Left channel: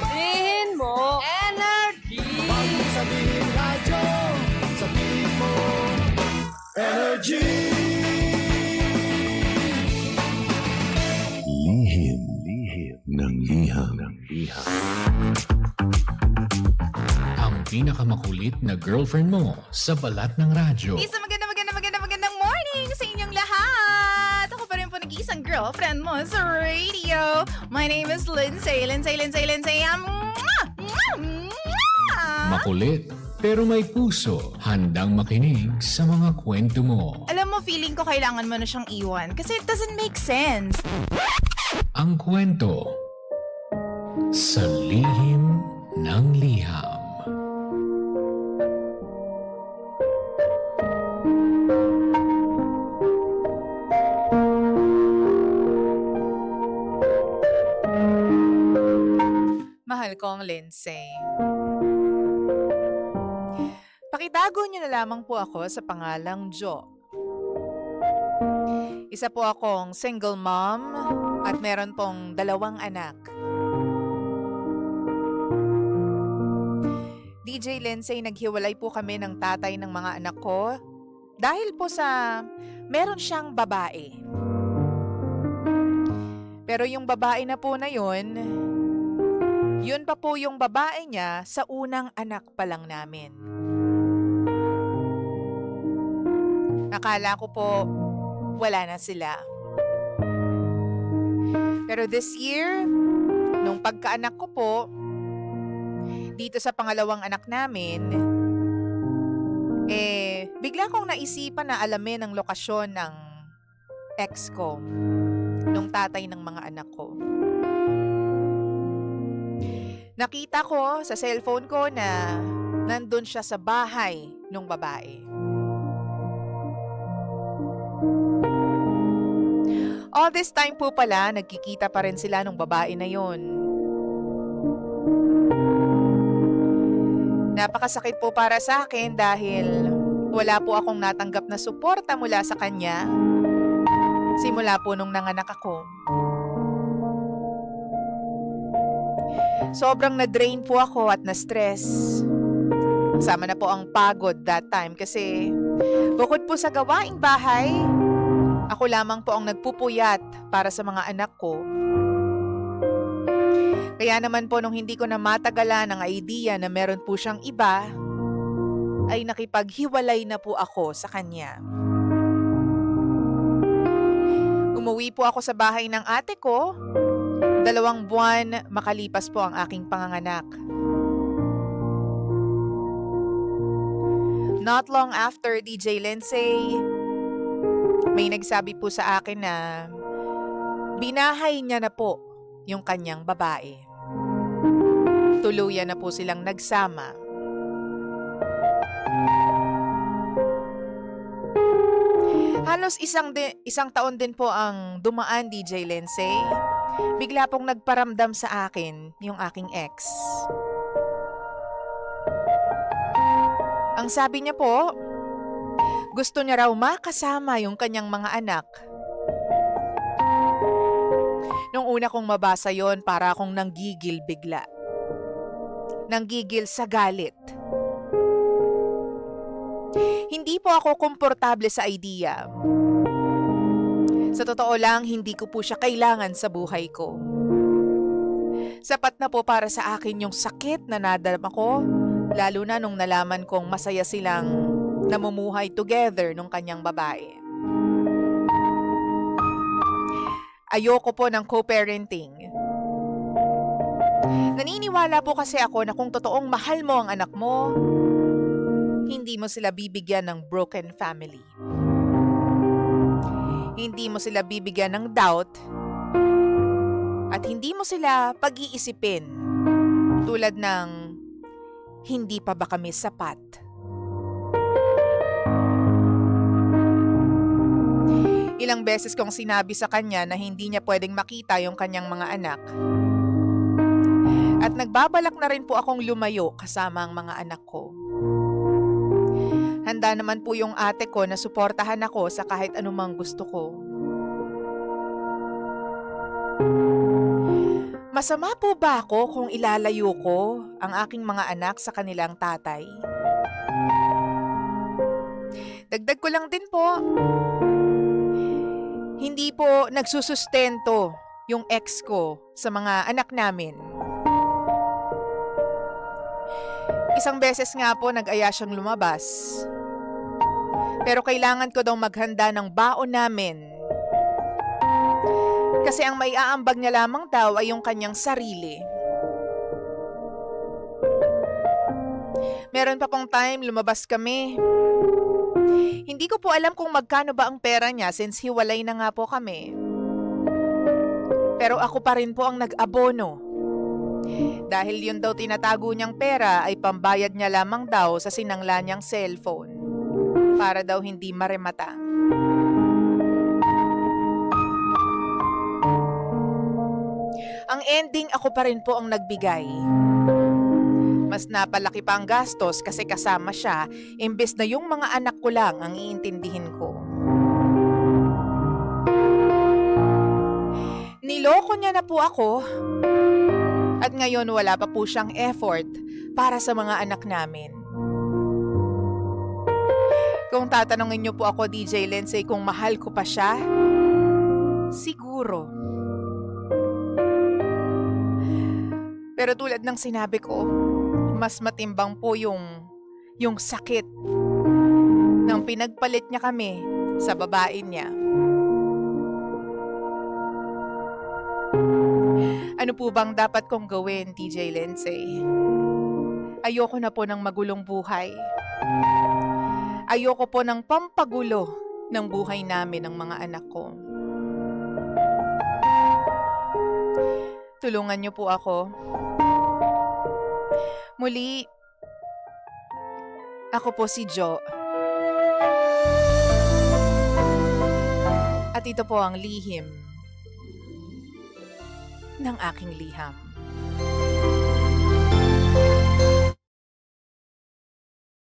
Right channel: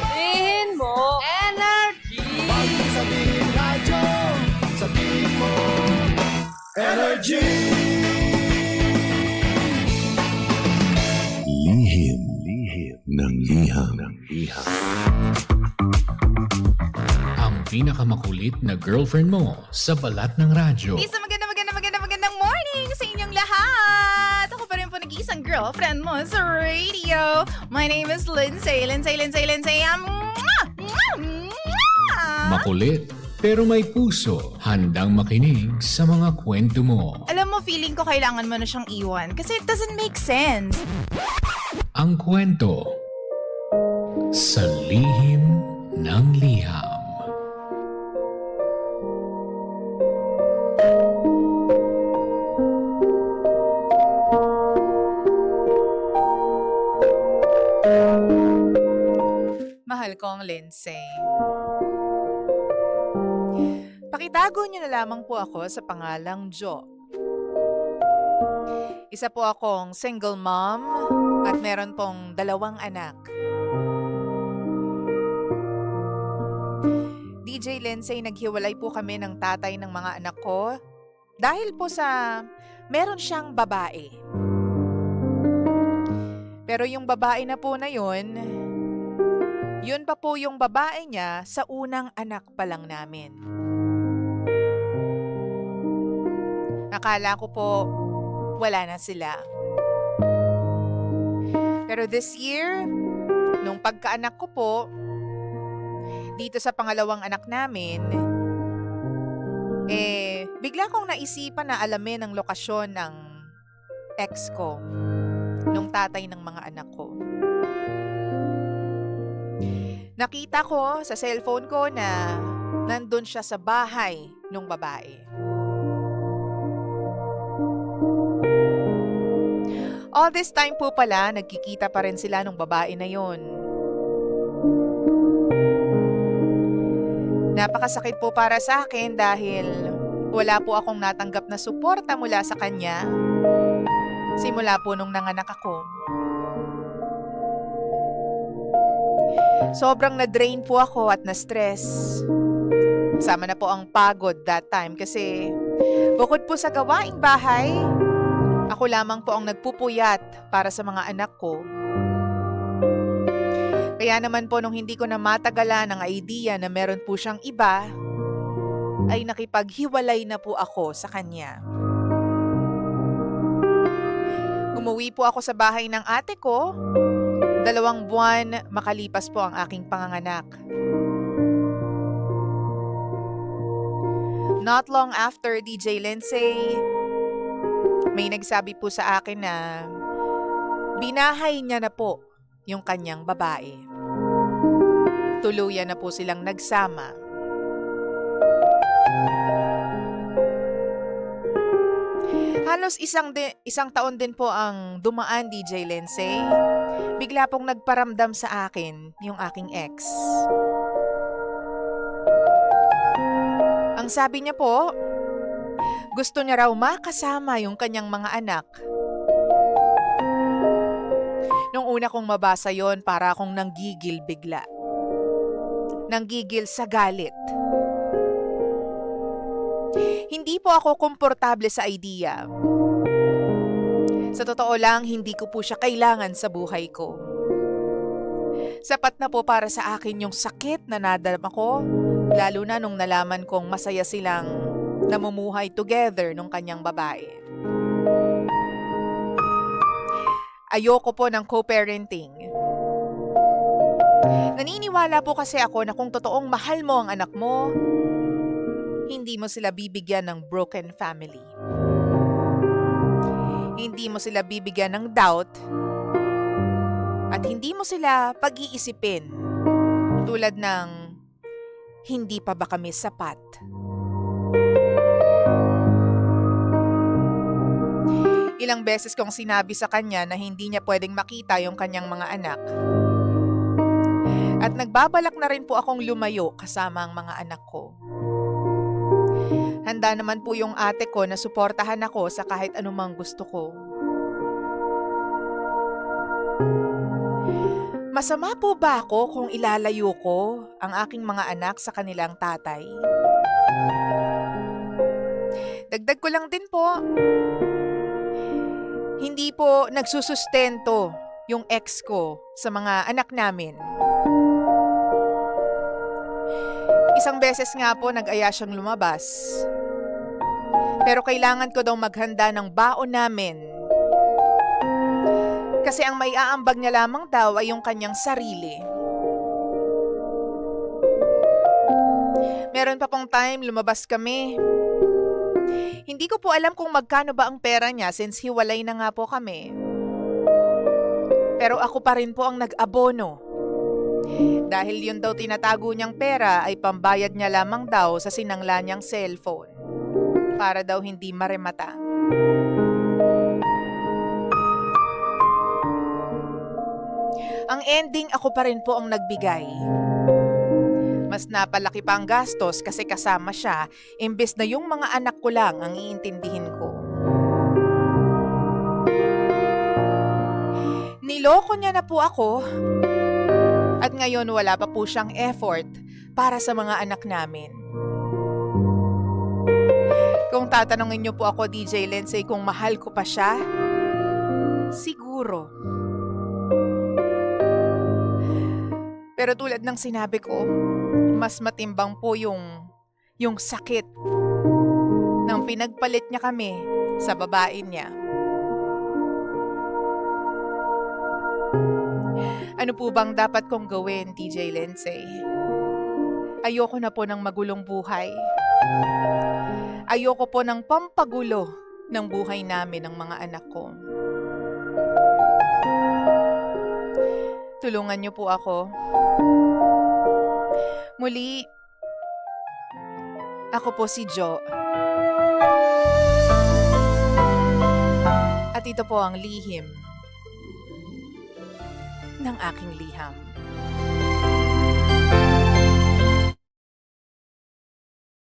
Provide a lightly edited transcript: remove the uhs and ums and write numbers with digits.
Sabihin mo, energy! Pag sabihin radyo, sabihin mo, energy! Lihim ng liham. Ang pinakamakulit na girlfriend mo sa balat ng radyo. Isang magandang morning sa inyong lahat! Ako pa rin po nag-iisang girlfriend mo sa radio. My name is Lindsay. Makulit pero may puso. Handang makinig sa mga kwento mo. Alam mo, feeling ko kailangan mo na siyang iwan kasi it doesn't make sense. Ang kwento sa lihim ng liham. Mahal kong Lindsay. Pakitago niyo na lamang po ako sa pangalang Jo. Isa po akong single mom at meron pong 2 anak. DJ Lindsay, naghiwalay po kami ng tatay ng mga anak ko dahil po sa meron siyang babae. Pero yung babae na po na yun pa po yung babae niya sa unang anak pa lang namin. Akala ko po wala na sila. Pero this year, nung pagkaanak ko po, dito sa pangalawang anak namin, bigla kong naisipan na alamin ang lokasyon ng ex ko, nung tatay ng mga anak ko. Nakita ko sa cellphone ko na nandun siya sa bahay nung babae. All this time po pala, nagkikita pa rin sila nung babae na yon. Napakasakit po para sa akin dahil wala po akong natanggap na suporta mula sa kanya simula po nung nanganak ako. Sobrang na-drain po ako at na-stress. Sama na po ang pagod that time kasi bukod po sa gawaing bahay, ako lamang po ang nagpupuyat para sa mga anak ko. Kaya naman po nung hindi ko na matagalan ang idea na meron po siyang iba, ay nakipaghiwalay na po ako sa kanya. Umuwi po ako sa bahay ng ate ko. 2 buwan makalipas po ang aking panganganak. Not long after, DJ Lindsay, may nagsabi po sa akin na binahay niya na po yung kanyang babae. Tuluyan na po silang nagsama. Halos isang taon din po ang dumaan, DJ Lindsay. Bigla pong nagparamdam sa akin yung aking ex. Ang sabi niya po, gusto niya raw makasama yung kanyang mga anak. Nung una kong mabasa yon, para akong nanggigil bigla. Nanggigil sa galit. Hindi po ako komportable sa idea. Sa totoo lang, hindi ko po siya kailangan sa buhay ko. Sapat na po para sa akin yung sakit na nadarama ko, lalo na nung nalaman kong masaya silang namumuhay together nung kanyang babae. Ayoko po ng co-parenting. Naniniwala po kasi ako na kung totoong mahal mo ang anak mo, hindi mo sila bibigyan ng broken family. Hindi mo sila bibigyan ng doubt at hindi mo sila pag-iisipin tulad ng hindi pa ba kami sapat. Ilang beses kong sinabi sa kanya na hindi niya pwedeng makita yung kanyang mga anak. At nagbabalak na rin po akong lumayo kasama ang mga anak ko. Handa naman po yung ate ko na suportahan ako sa kahit anumang gusto ko. Masama po ba ako kung ilalayo ko ang aking mga anak sa kanilang tatay? Dagdag ko lang din po, hindi po nagsusustento yung ex ko sa mga anak namin. Isang beses nga po nag-aya siyang lumabas. Pero kailangan ko daw maghanda ng baon namin. Kasi ang maiaambag niya lamang daw ay yung kanyang sarili. Meron pa pong time, lumabas kami. Hindi ko po alam kung magkano ba ang pera niya since hiwalay na nga po kami. Pero ako pa rin po ang nag-abono. Dahil yun daw tinatago niyang pera ay pambayad niya lamang daw sa sinangla niyang cellphone. Para daw hindi maremata. Ang ending, ako pa rin po ang nagbigay. Mas napalaki pa ang gastos kasi kasama siya, imbes na yung mga anak ko lang ang iintindihin ko. Niloko niya na po ako. At ngayon wala pa po siyang effort para sa mga anak namin. Kung tatanungin niyo po ako, DJ Lindsay, kung mahal ko pa siya, siguro. Pero tulad ng sinabi ko, mas matimbang po yung sakit ng pinagpalit niya kami sa babae niya. Ano po bang dapat kong gawin, DJ Lindsay? Ayoko na po ng magulong buhay. Ayoko po ng pampagulo ng buhay namin ng mga anak ko. Tulungan niyo po ako. Muli, ako po si Jo. At ito po ang lihim ng aking liham.